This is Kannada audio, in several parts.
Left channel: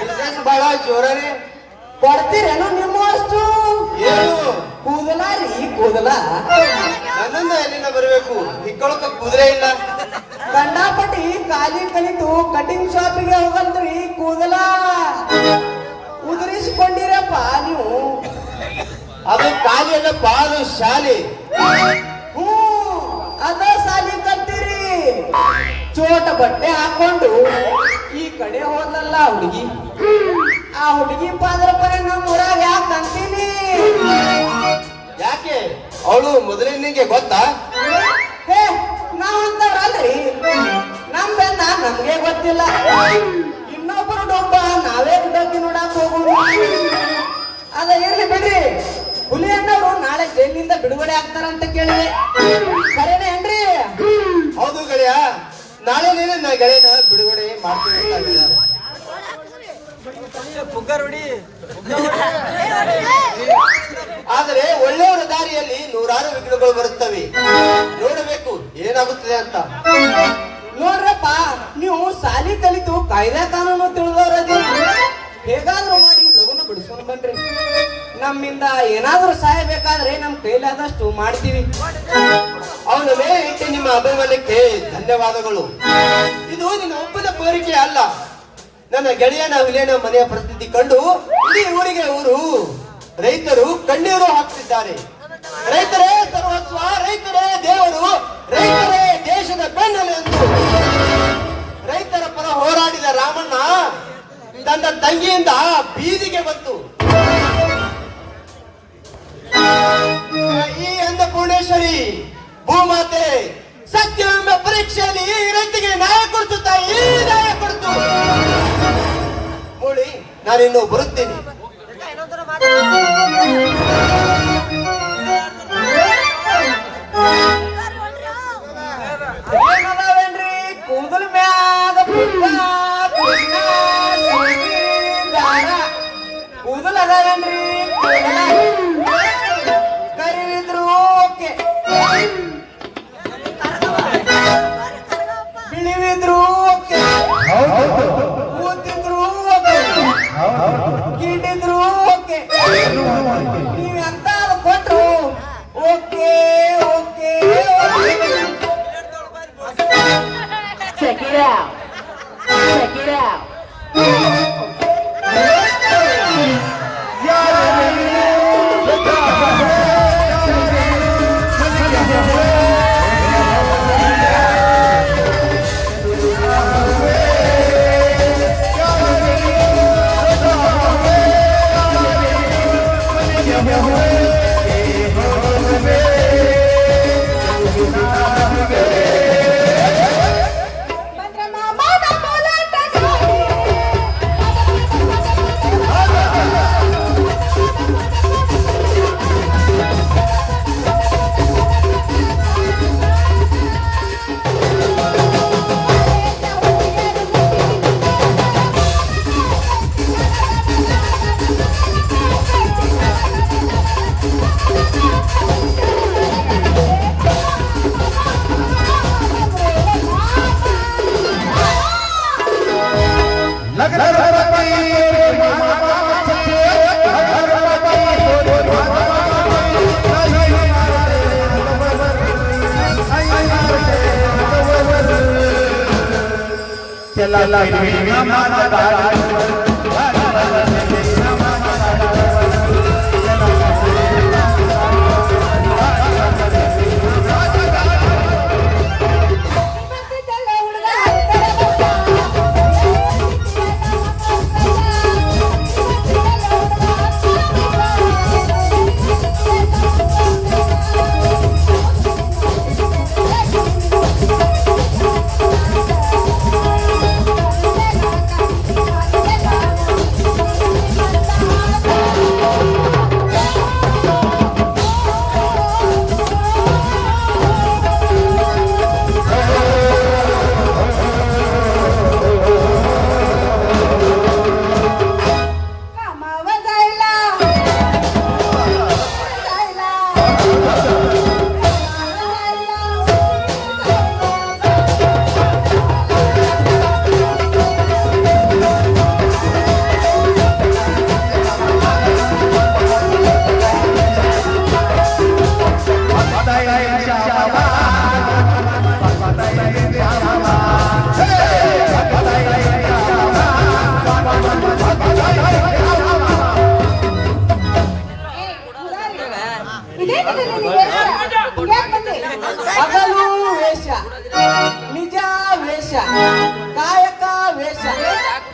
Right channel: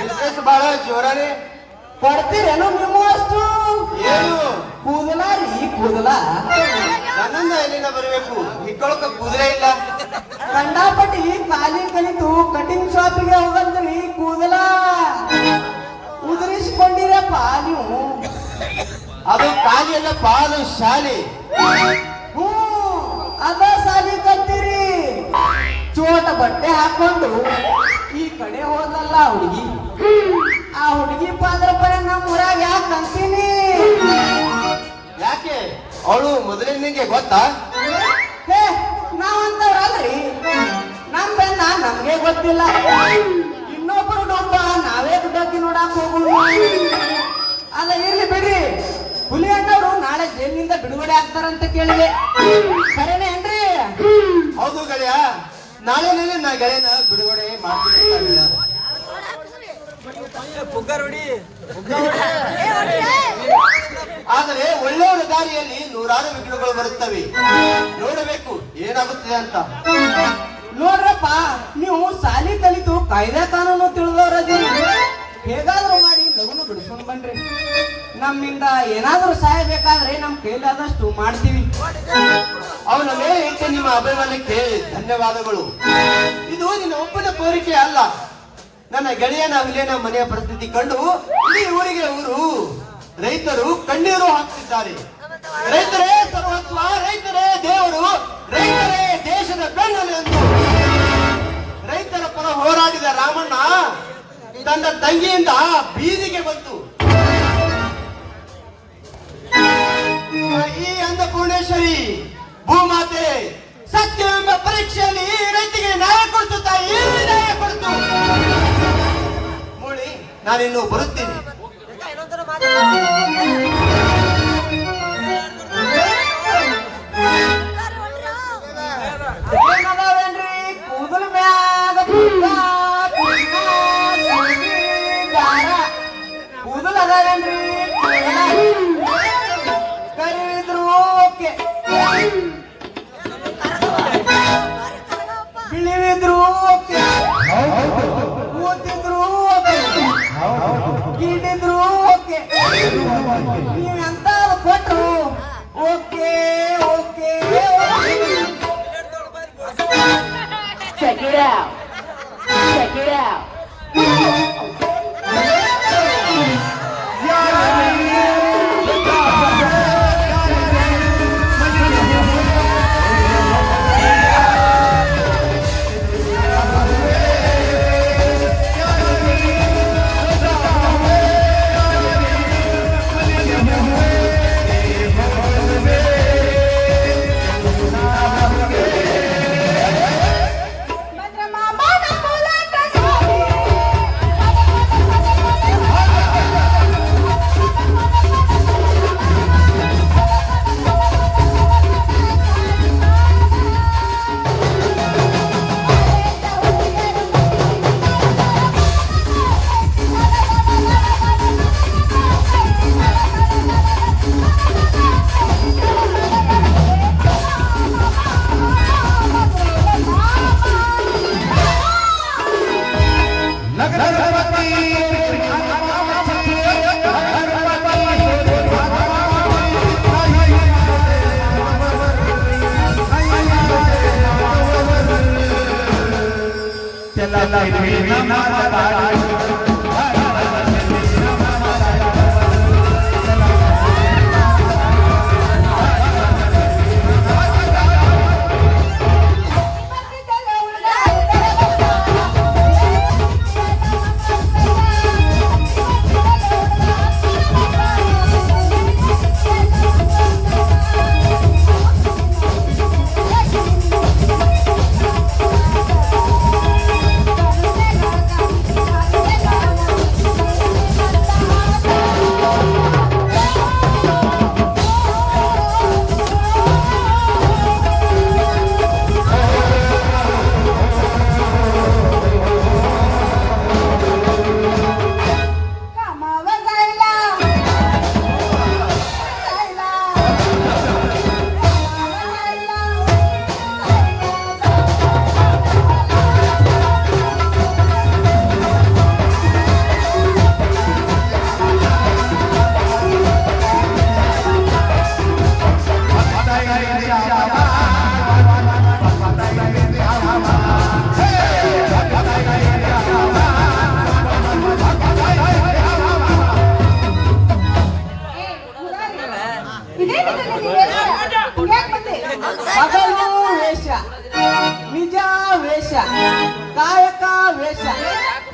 ಬಿಸ್ನೆಸ್ ಬಹಳ ಜೋರಾರಿ ಕೊಡ್ತೀರೇನೋ ನಿಮ್ಮ ಅಷ್ಟು ಏನು ಕೂದಲ ರೀ ಕೂದಲ ನನ್ನಿಂದ ಎಲ್ಲಿಂದ ಬರಬೇಕು ಹಿಕ್ಕೊಳಕ ಕುದುರೆ ಇಲ್ಲ ಕಂಡಾಪಟ್ಟಿ ಖಾಲಿ ಕಲಿತು ಕಟಿಂಗ್ ಶಾಪಿಗೆ ಹೋಗಲ್ರಿ ಕೂದಲ ಉದುರಿಸಿಕೊಂಡಿರಪ್ಪ ನೀವು ಅದು ಖಾಲಿ ಅಲ್ಲ ಪಾಲು ಶಾಲೆ ಹ್ಞೂ ಅದ ಸಾಲಿ ಕಲ್ತೀರಿ ಚೋಟ ಬಟ್ಟೆ ಹಾಕೊಂಡು ಈ ಕಡೆ ಹೋದಲ್ಲ ಹುಡುಗಿ ಆ ಹುಡುಗಿ ಪಾದ್ರಪ್ಪನ ನಮ್ಮ ಊರಾಗ ಯಾಕೆ ಅಂತೀನಿ ಯಾಕೆ ಅವಳು ಮೊದಲಿನಿಗೆ ಗೊತ್ತಾ ಹೇ ನಾವಂತವ್ರಲ್ರಿ ನಮ್ ಬೆಂದ ನಮ್ಗೆ ಗೊತ್ತಿಲ್ಲ ಇನ್ನೊಬ್ಬರು ಡೊಂಬ ನಾವೇ ಡೊಬ್ಬಿ ನೋಡಕ್ ಹೋಗುದು ಅದ ಇರ್ಲಿ ಬಿಡ್ರಿ ಹುಲಿ ಅಣ್ಣವ್ರು ನಾಳೆ ಜೈಲಿನಿಂದ ಬಿಡುಗಡೆ ಆಗ್ತಾರಂತ ಕೇಳಿದೆ ಕರೆನೇ ಏನ್ರಿ ಹೌದು ಗೆಳೆಯ ನಾಳೆ ನೀನು ನಾ ಗೆಳೆಯನ ಬಿಡುಗಡೆ ಮಾಡ್ತೀನಿ ಆದರೆ ಒಳ್ಳೆಯವರ ದಾರಿಯಲ್ಲಿ ನೂರಾರು ವಿಘ್ನಗಳು ಬರುತ್ತವೆ ನೋಡಬೇಕು ಏನಾಗುತ್ತದೆ ಅಂತ ನೋಡ್ರಪ್ಪ ನೀವು ಸಾಲಿ ಕಲಿತು ಕಾಯ್ದೆ ಕಾನೂನು ತಿಳಿದವರದು ಹೇಗಾದ್ರೂ ಮಾಡಿ ಲಗುನ ಬಿಡಿಸ್ಕೊಂಡು ಬನ್ರಿ ನಮ್ಮಿಂದ ಏನಾದ್ರೂ ಸಹಾಯ ಬೇಕಾದ್ರೆ ನಮ್ ಕೈಲಾದಷ್ಟು ಮಾಡ್ತೀವಿ ಅವನ ಮೇಲೆ ನಿಮ್ಮ ಅಭಿಮಾನಕ್ಕೆ ಧನ್ಯವಾದಗಳು ಇದು ನಿನ್ನ ಒಬ್ಬನ ಕೋರಿಕೆ ಅಲ್ಲ ನನ್ನ ಗೆಳೆಯನ ವಿಲೇನ ಮನೆಯ ಪರಿಸ್ಥಿತಿ ಕಂಡು ಇಡೀ ಊರಿಗೆ ಊರು ರೈತರು ಕಣ್ಣೀರು ಹಾಕ್ತಿದ್ದಾರೆ ರೈತರೇ ಸರ್ವಸ್ವ ರೈತರೇ ದೇವರು ರೈತರೇ ದೇಶದ ಬೆನ್ನೆಲು ಎಂದು ರೈತರ ಪರ ಹೋರಾಡಿದ ರಾಮಣ್ಣ ತನ್ನ ತಂಗಿಯಿಂದ ಬೀದಿಗೆ ಬಂತು ಈ ಅನ್ನಪೂರ್ಣೇಶ್ವರಿ ಭೂಮಾತೆ ಸತ್ಯವೆಂಬ ಪರೀಕ್ಷೆಯಲ್ಲಿ ರೈತಿಗೆ ನ್ಯಾಯ ಕೊಡ್ತು ತಾಯಿ ನ್ಯಾಯ ಕೊಡ್ತು ಮೂಳಿ ನಾನಿನ್ನು ಬರುತ್ತೇನೆ ಏನದಾವೇನ್ರಿ ಕೂದಲು ಮ್ಯಾಗ ಕೂದಲು ಅದಾವೇನ್ರಿ ಕರಿವಿದ್ರು ಓಕೆ ಬಿಳಿವಿದ್ರು ಓಕೆ ಕೂತಿದ್ರು ಓಕೆ ಗಿಡಿದ್ರು ಓಕೆ ನೀವೆಂತ ಕೊಟ್ರು okay okay Check it out. Check it out.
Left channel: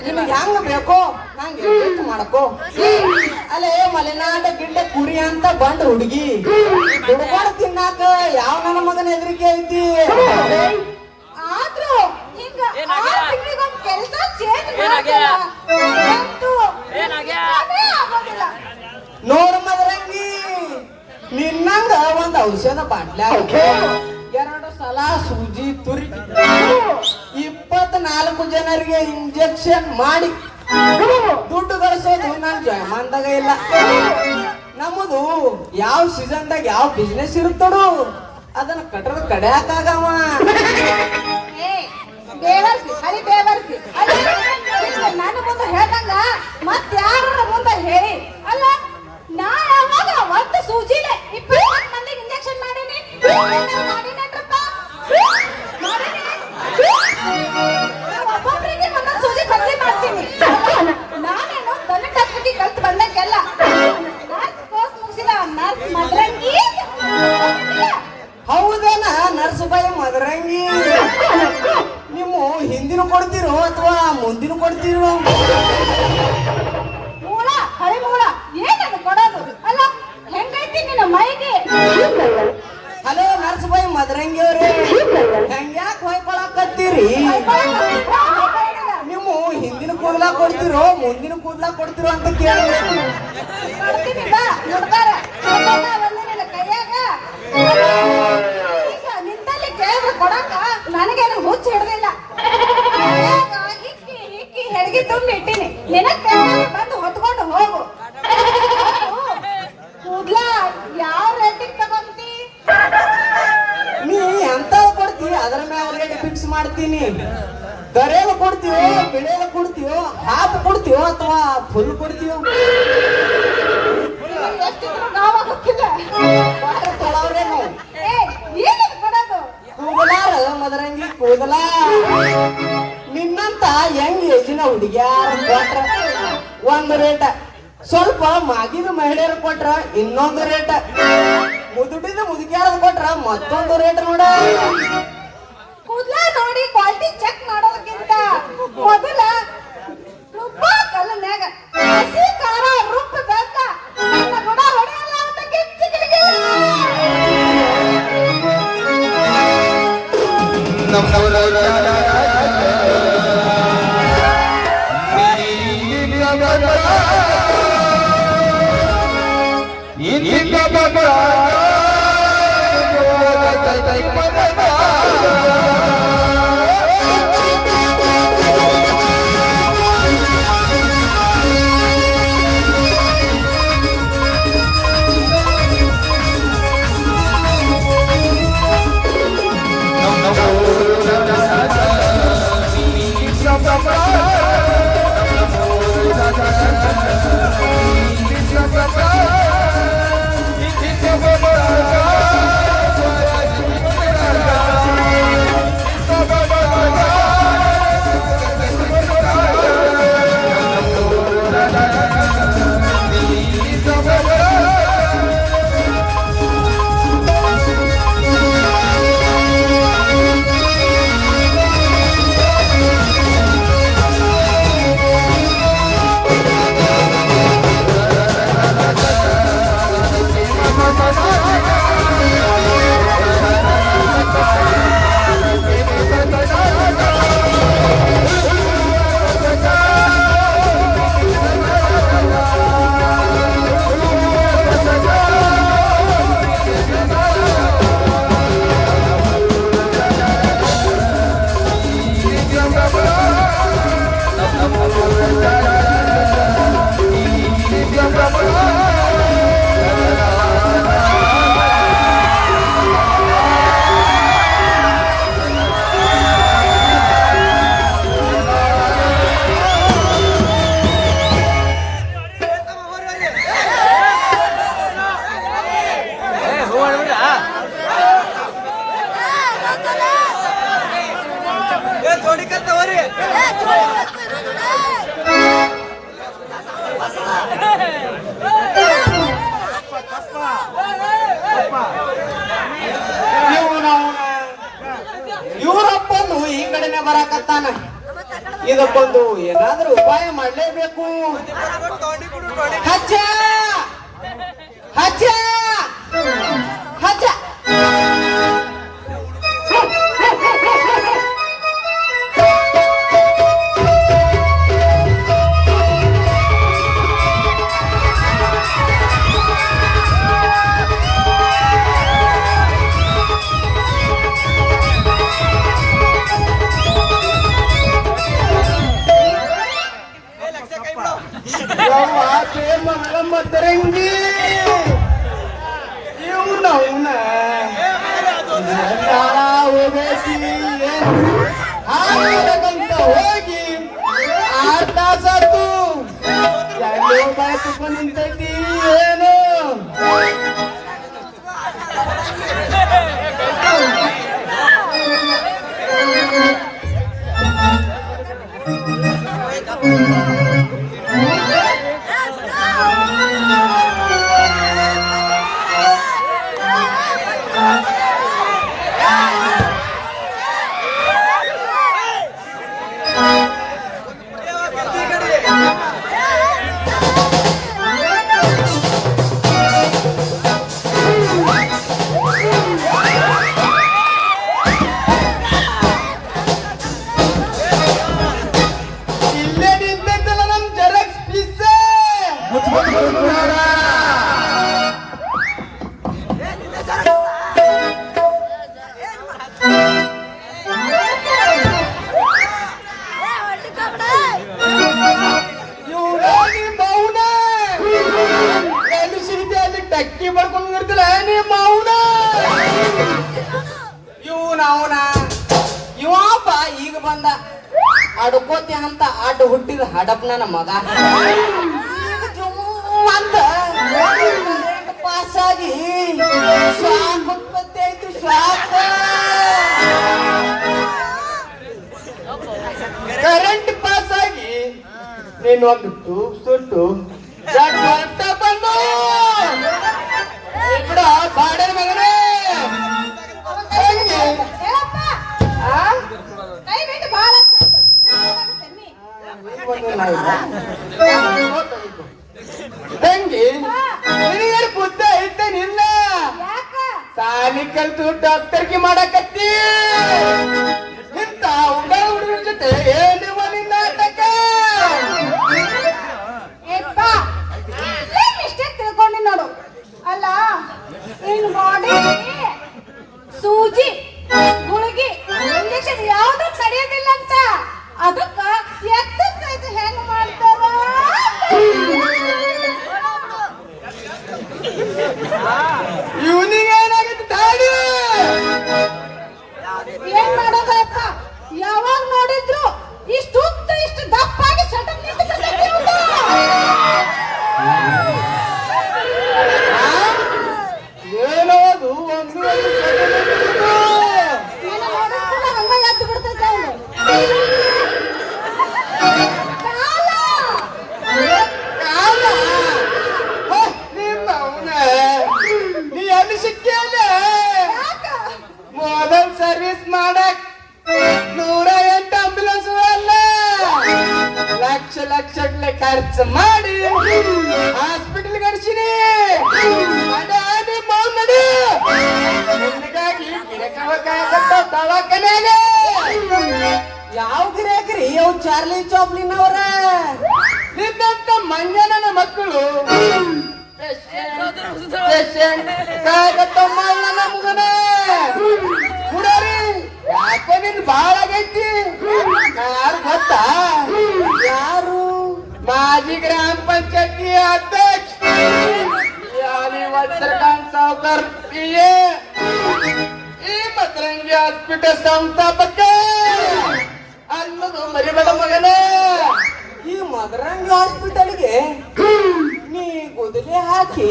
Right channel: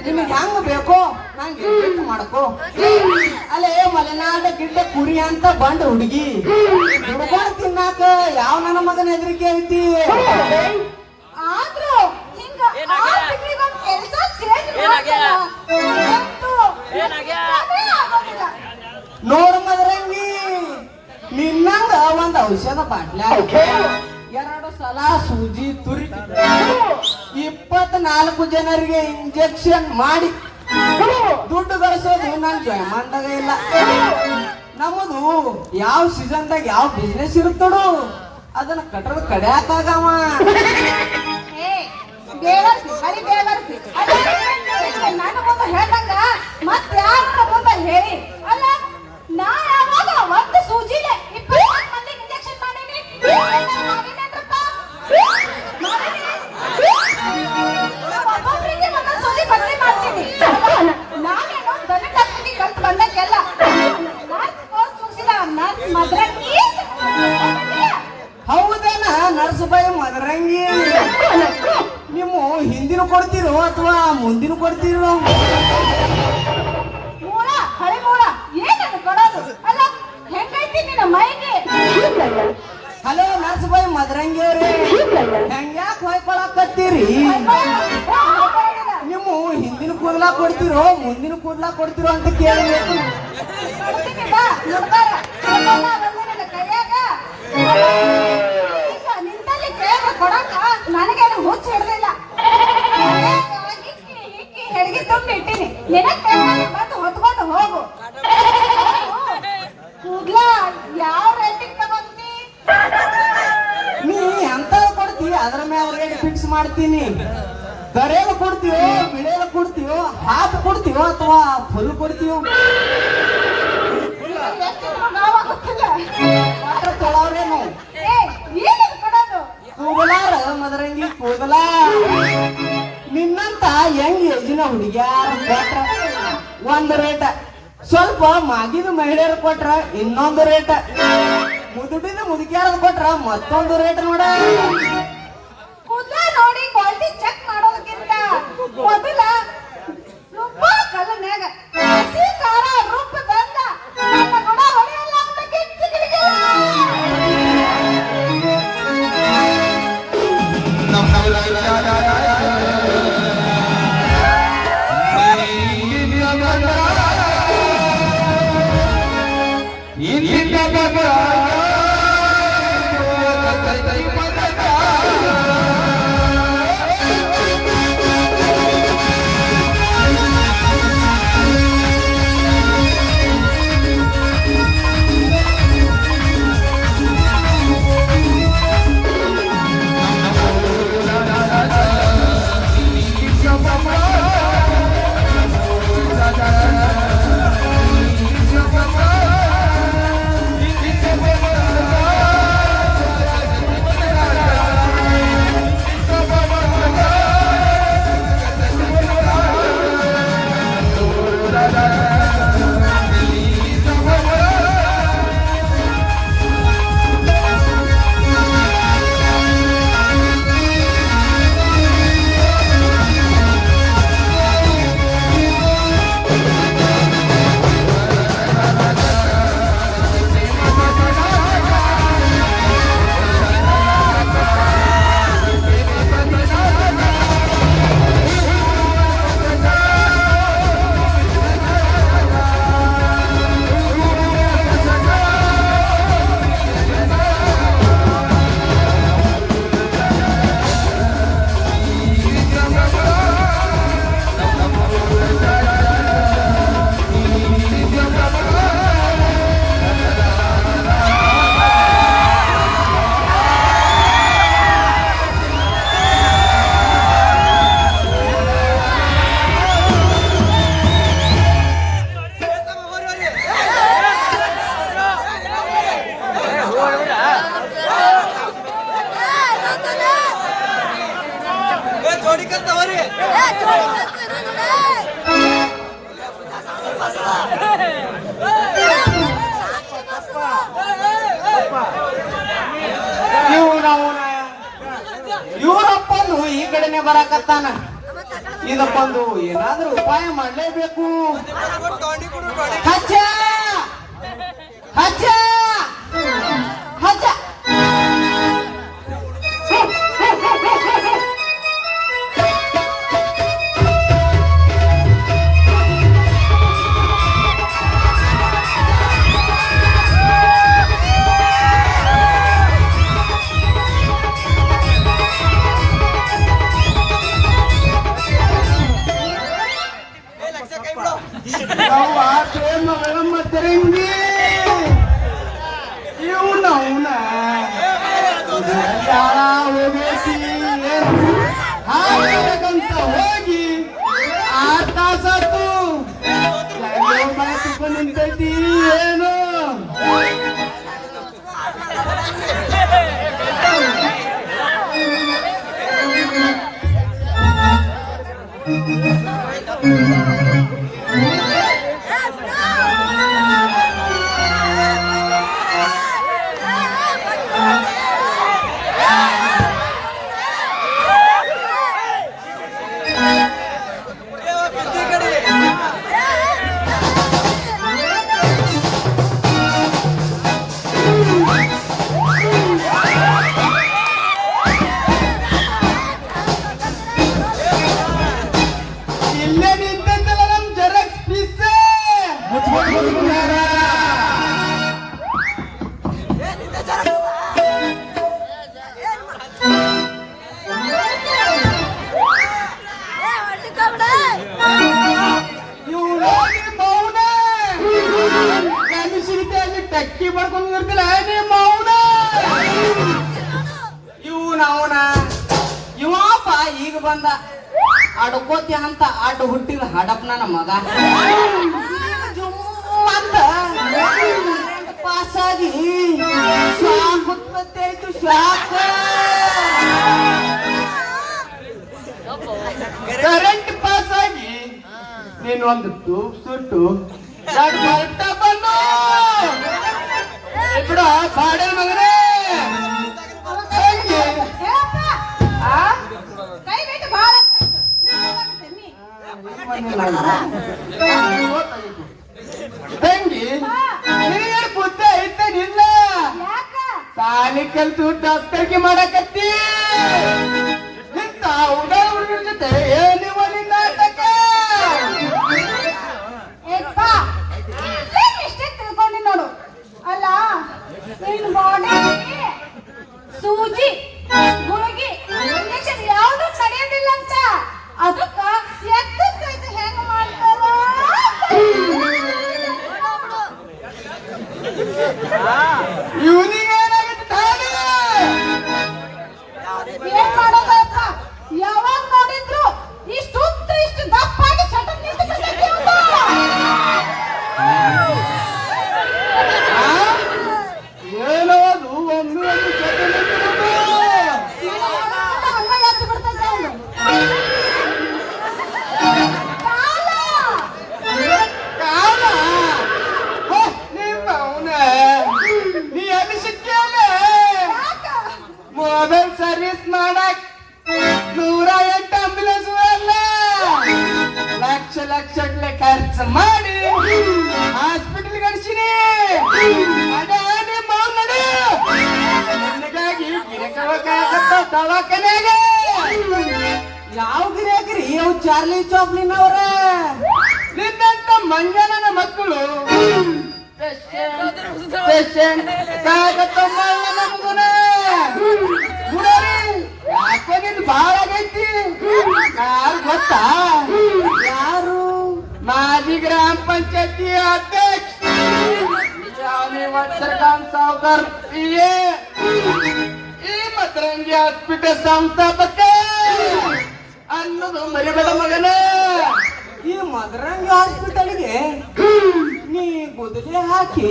ನಿನಗೆ ಹೆಂಗ್ ಬೇಕು ನಂಗೆ ಎಡ್ಜಸ್ಟ್ ಮಾಡಕೋ. ಅಲ್ಲೇ ಮಲೆನಾಡ ಗಿಡ್ಡ ಕುರಿ ಅಂತ ಗಂಡ ಹುಡುಗಿ ಹುಡುಗಾಡ ತಿನ್ನಾಕ ಯಾವ ನನ್ನ ಮಗನ ಹೆದರಿಕೆ ಐತಿ. ಆದ್ರೂ ನಿಂಗ ಆ ತಿಂಗಳಿಗೊಂದ್ ಕೆಲ್ಸ change ಮಾಡ್ತೀರಾ? ಅಂತೂ ಅದೇ ಆಗೋದಿಲ್ಲ. ನೋಡು ಮದರಂಗಿ, ನಿನ್ನಂಗ ಒಂದ್ ಔಷಧ ಬಾಟ್ಲ್ಯಾ 2 ಸಲ ಸೂಜಿ ತುರಿ 24 ಜನರಿಗೆ ಇಂಜೆಕ್ಷನ್ ಮಾಡಿ ದುಡ್ಡು ಗಳಿಸೋದು ನನ್ ಜನ್ಮಂದಾಗ ಇಲ್ಲ. ನಮ್ಮದು ಯಾವ ಸೀಸನ್ದಾಗ ಯಾವ ಬಿಸ್ನೆಸ್ ಇರುತ್ತಡು ಅದನ್ನ ಕಟ್ಟದ ಕಡ್ಯಾಕಾಗವ. ಏ, ಬೇವರ್ಸಿ, ಬರೀ ಬೇವರ್ಸಿ. ಅದೇ ನನ್ನ ಮುಂದೆ ಹೇಳ್ದಂಗ ಮತ್ ಯಾರ ಮುಂದೆ ಹೇಳಿ. ಅಲ್ಲ, ನಾ ಯಾವಾಗ ಒಂದು ಸೂಜಿಲೆ 24 ಮಂದಿಗೆ ಇಂಜೆಕ್ಷನ್ ಮಾಡೀನಿ. ಮಾಡಿನೇನ್ರಪ್ಪ? ಒಬ್ಬೊಬ್ರಿಗೆ ಒಂದೊಂದು ಸೂಜಿ ಬದಲಿ ಮಾಡ್ತೀನಿ. ನಾನೇನು ಬರೀ ಡಾಕ್ಟರ್ಗೆ ಕಲ್ತು ಬಂದಂಗೆಲ್ಲ. ನರ್ಸ್ ಕೋರ್ಸ್ ಮುಗಿಸಿದ ನರ್ಸ್ ಮದ್ರಂಗಿ. ಹೌದೇನ ನರ್ಸಬಾಯಿ ಮದರಂಗಿ? ನಿಮ್ಮ ಹಿಂದಿನ ಕೊಡ್ತೀರೋ ಅಥವಾ ಮುಂದಿನ ಕೊಡ್ತೀರೋ? ಮೂಳ, ಹಳಿ ಮೂಳ, ಏನದು ಕೊಡೋದು? ಅಲ್ಲ, ಹೆಂಗೈತಿ ನಿನ್ನ ಮೈಗೆ? ಹಲೋ ನರ್ಸಬಾಯಿ ಮದರಂಗಿ ಅವ್ರೆ, ಹಂಗ್ಯಾಕ್ ಹೊಯ್ಕೊಳಕತ್ತೀರಿ? ನಿಮ್ಮ ಹಿಂದಿನ ಕೂದಲ ಕೊಡ್ತಿರೋ ಮುಂದಿನ ಕೂದಲ ಕೊಡ್ತಿರೋ ಅಂತ ಕೇಳಬೇಕು. ಕೊಡ್ತೀನಿ ಬಾ, ನಂಬರ. ಅದೆಲ್ಲ ಒಂದು ನಿನ್ನ ಕೈಯಾಗ. ಈಗ ನಿಂತಲ್ಲಿ ಕೇಳಿದ್ರೆ ಕೊಡಕ್ಕ ನನಗೇನು ಹುಚ್ಚ ಹಿಡ್ದಿಲ್ಲ. ಹಿಕ್ಕಿ ಹೆಡ್ಗಿ ತುಂಬಿ ಇಟ್ಟಿನಿ. ನಿನಗ್ ಬೇಕಾದ್ರೆ ಬಂದು ಹೊತ್ಕೊಂಡು ಹೋಗು. ಕೂದ್ಲ ಯಾವ ರೇಟಿಗೆ ತಗೊಂತಿ? ನೀ ಎಂತ ಕೊಡ್ತೀವಿ ಅದ್ರ ಮೇಲೆ ರೇಟ್ ಫಿಕ್ಸ್ ಮಾಡ್ತೀನಿ. ದರೇಲು ಕೊಡ್ತೀವೋ ಬಿಳೆಲು ಕೊಡ್ತೀವೋ ಹಾಫ್ ಕೊಡ್ತೀವೋ ಅಥವಾ ಫುಲ್ ಕೊಡ್ತೀವೋ? ಎಷ್ಟು ನಾವ ಗೊತ್ತಿಲ್ಲ. ಪಾತ್ರ ತೊಳವ್ರೆ ನಾವು. ಏ, ಏನದು ಕೊಡೋದು? ಕೂದಲಾರಲ್ಲ ಮದರಂಗಿ ಕೂದಲ. ನಿನ್ನಂತ ಹೆಂಗ್ ಏಜಿನ ಹುಡುಗಿಯಾರ ಕೊಟ್ರ ಒಂದ್ ರೇಟ, ಸ್ವಲ್ಪ ಮಾಗಿದ ಮಹಿಳೆಯರು ಕೊಟ್ರ ಇನ್ನೊಂದು ರೇಟ, ಮುದುಡಿದ ಮುದುಕಿಯಾರದ್ ಕೊಟ್ರ ಮತ್ತೊಂದು ರೇಟ್ ನೋಡ. ಕೂದ್ಲ ನೋಡಿ ಕ್ವಾಲಿಟಿ ಚೆಕ್ ಮಾಡೋದಕ್ಕಿಂತ ಮೊದಲ ರುಬ್ಬ ಕಲ್ಲನ್ಯಾಗ ಹಸಿ ಖಾರ ರುಬ್ಬದಂತ ನನ್ನ ಗುಣ ಹೊಡೆಯಲ್ಲ ಅಂತ ಕಿಚ್ಚು ಕಿಡಿಕಿಲ್ಲ. ಇವರಪ್ಪನು ಈ ಕಡೆನೆ ಬರಾಕತ್ತಾನ. ಇದಕ್ಕೊಂದು ಏನಾದ್ರೂ ಉಪಾಯ ಮಾಡಲೇಬೇಕು. ಹಚ್ಚ ಹಚ್ಚ ಹಚ್ಚ ಮತ್ತರಂಗಿ ಇವನವನ ಹಾಕಂತ ಹೋಗಿ 6 ತಾಸಾತು ನಿಂತೈತಿ ಏನು ಇಲ್ಲೇ ನಿಂತೈತಲ್ಲ ನಮ್ ಜೆರಾಕ್ಸ್ ಪೀಸ್ ಅಲ್ಲಿ ಟಕ್ಕಿ ಬರ್ಕೊಂಡು ಇರ್ತಿಲ್ಲ ನಿಮ್ಮ ಅವನ ಇವನವನ ಇವಪ್ಪ ಈಗ ಬಂದ ಅಡ್ಕೋತಿ ಅಂತ ಅಡ್ಡ ಹುಟ್ಟಿದ ಹಡಪ್ ನನ್ನ ಮಗ ಅಂತ ಪಾಸಾಗಿ ಶ್ವಾಸ ಉತ್ಪತ್ತಿ ಆಯ್ತು ಶ್ವಾಸ ಕರೆಂಟ್ ಪಾಸ್ ಆಗಿ ನೀನೊಂದು ತೂಪ್ ಸುಟ್ಟು ಹೊರಟ ಬಂದ ಇದ್ರ ಬಾಡೆ ಮಗನೇ ಹಂಗೆ ಹೇಳಪ್ಪ ಆ? ಕೈ ಬಿಟ್ಟು ಬಾಳ ತೆಮ್ಮಿ ತಂಗಿ ನಿನಗೆ ಬುದ್ಧ ಐತೇನಿಲ್ಲ ಯಾಕ ಸಾಲಿ ಕಲ್ತು ಡಾಕ್ಟರ್ಗೆ ಮಾಡಕತ್ತಿ ಇಂತ ಹುಡುಗರ ಜೊತೆ ಏನು ನಾಟಕ ಏಪ್ಪ ಏನ್ ಮಿಸ್ಟೇಕ್ ತಿಳ್ಕೊಂಡಿ ನೋಡು ಅಲ್ಲ ನಿನ್ ಬಾಡಿ ಸೂಜಿ ಗುಳಿಗಿ ಇಂಜೆಕ್ಷನ್ ಯಾವ್ದು ನಡೆಯೋದಿಲ್ಲ ಅಂತ ಅದಕ್ಕ ಎಕ್ಸರ್ಸೈಸ್ ಹೆಂಗ್ ಮಾಡ್ತಾರ ಇವನಿಗೆ ಏನಾಗುತ್ತೆ ತಾನು ಏನ್ ಮಾಡೋದಪ್ಪ ಯಾವಾಗ ನೋಡಿದ್ರು ಇಷ್ಟು ಉದ್ದ ಇಷ್ಟು ದಪ್ಪಾಗಿ ಸಡನ್ ಏನದು ಒಮ್ಮೆ ಹಂಗ ಎದ್ದು ಬಿಡ್ತೈತೆ ಅವ್ನು. ಕಾಲ! ಕಾಲ ನಿಮ್ಮ ಅವನ ನೀ ಎಲ್ಲಿ ಸಿಕ್ಕಲ್ಲ ಯಾಕ? ಮೊದಲ್ ಸರ್ವಿಸ್ ಮಾಡಕ್ 108 ಆಂಬುಲೆನ್ಸ್ ಅಲ್ಲ ಲಕ್ಷ ಲಕ್ಷಗಟ್ಟಲೆ ಖರ್ಚು ಮಾಡಿ ಹಾಸ್ಪಿಟಲ್ ಕಳಿಸಿನಿ ಅಡಾಡಿ ಮಾವು ನಡಿ ನಿನಗಾಗಿ ದವಾಖಾನೆಯಾಗ ಯಾವ ಗಿರಾಕ್ರಿ ಅವ್ ಚಾರ್ಲಿ ಚಾಪ್ಲಿನವ್ರ ನಿನ್ನಂತ ಮಂಜನನ ಮಕ್ಕಳು ಪೇಷಂಟ್ ಯಾಕೆ ನಿನ್ ಬಾಳ ಆಗೈತಿ ಯಾರು ಗೊತ್ತಾ ಯಾರು ಮಾಜಿ ಗ್ರಾಮ ಪಂಚಾಯತಿ ಅಧ್ಯಕ್ಷ ಸಾವುಕರ್ PA ಈ ಮದ್ರಂಗಿ ಹಾಸ್ಪಿಟಲ್ ಸಂಸ್ಥಾಪಕ ಅನ್ನೋದು ಮರಿಬೇಡ ಮಗನ ಈ ಮದ್ರಂಗಿ ಹಾಸ್ಪಿಟಲ್ಗೆ ನೀ ಗುದುಲೆ ಹಾಕಿ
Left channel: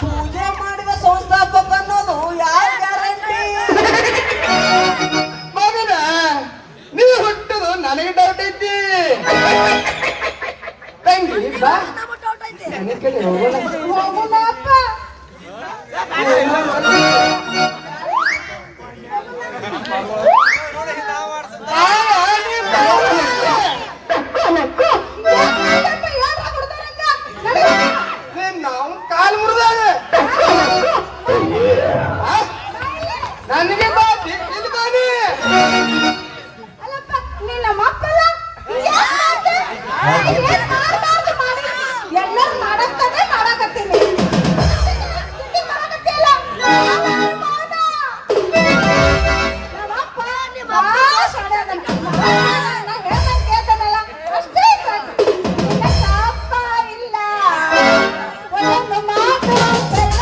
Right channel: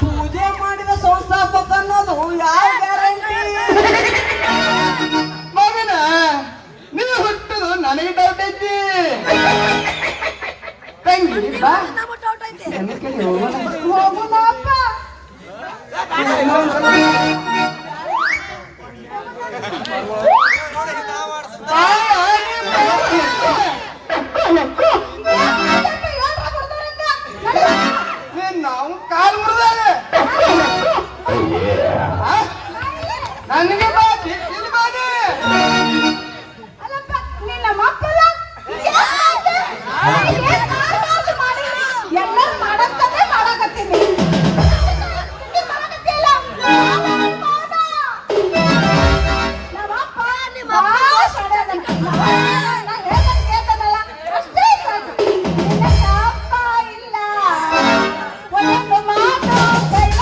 ಪೂಜೆ ಮಾಡಿದ ಸಂಸ್ಥಾಪಕ ಅನ್ನೋದು ಯಾವ ಗ್ಯಾರಂಟಿ ಮಗನ ನೀ ಹುಟ್ಟದು ನನಗೆ ಡೌಟ್ ಐತಿ ತಂಗಿ ಬಾ ನನ್ನ ಕಡೆ ನೋಡು. ಹೋಗುದಪ್ಪ. ಇನ್ನೊಂದ್ಸಲ. ಆ, ನಿಮ್ಮ ನನ್ನ ತಮ್ಮ. ನಾ ಹೇಳ್ದಂಗ್ ಕೇಳ್ತಾನಲ್ಲ, ಅಷ್ಟೇ ಸಾಕು. ನನ್ನ ಅಪ್ಪ ಇಲ್ಲ. ಒಂದೊಂದು ಮಾತು ಬೇಡ.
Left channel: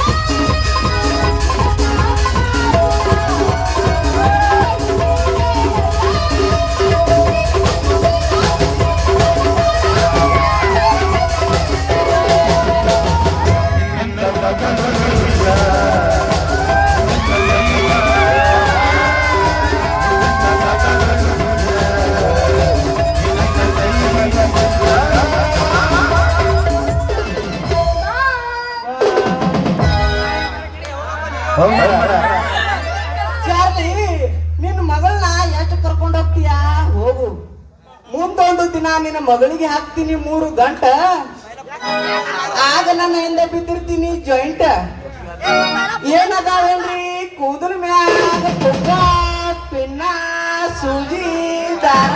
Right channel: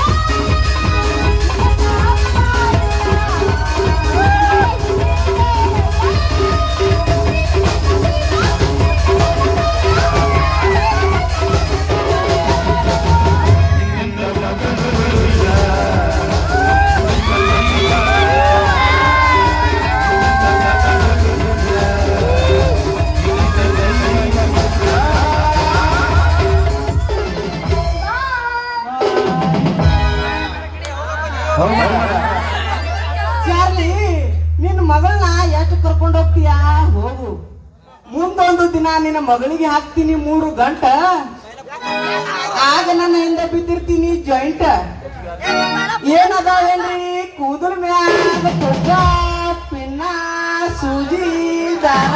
ಚಾರ್ಲಿ, ನಿನ್ನ ಮಗಳನ್ನ ಎಷ್ಟು ಕರ್ಕೊಂಡು ಹೋಗ್ತೀಯಾ ಹೋಗು. ಮುಂದೊಂದು ದಿನ ನಿನ್ನ ಮಗಳಿಗೆ ಹಾಕ್ತೀನಿ 3 ಗಂಟೆ, ಆಗ ನನ್ನ ಹಿಂದೆ ಬಿದ್ದಿರ್ತೀನಿ ಜಾಯಿಂಟ್. ಏನದಾವೇನ್ರಿ ಕೂದಲ ಮ್ಯಾಗ ಪುಗ್ಗ, ಪಿನ್ನ, ಸೂಜಿ, ದಾರ.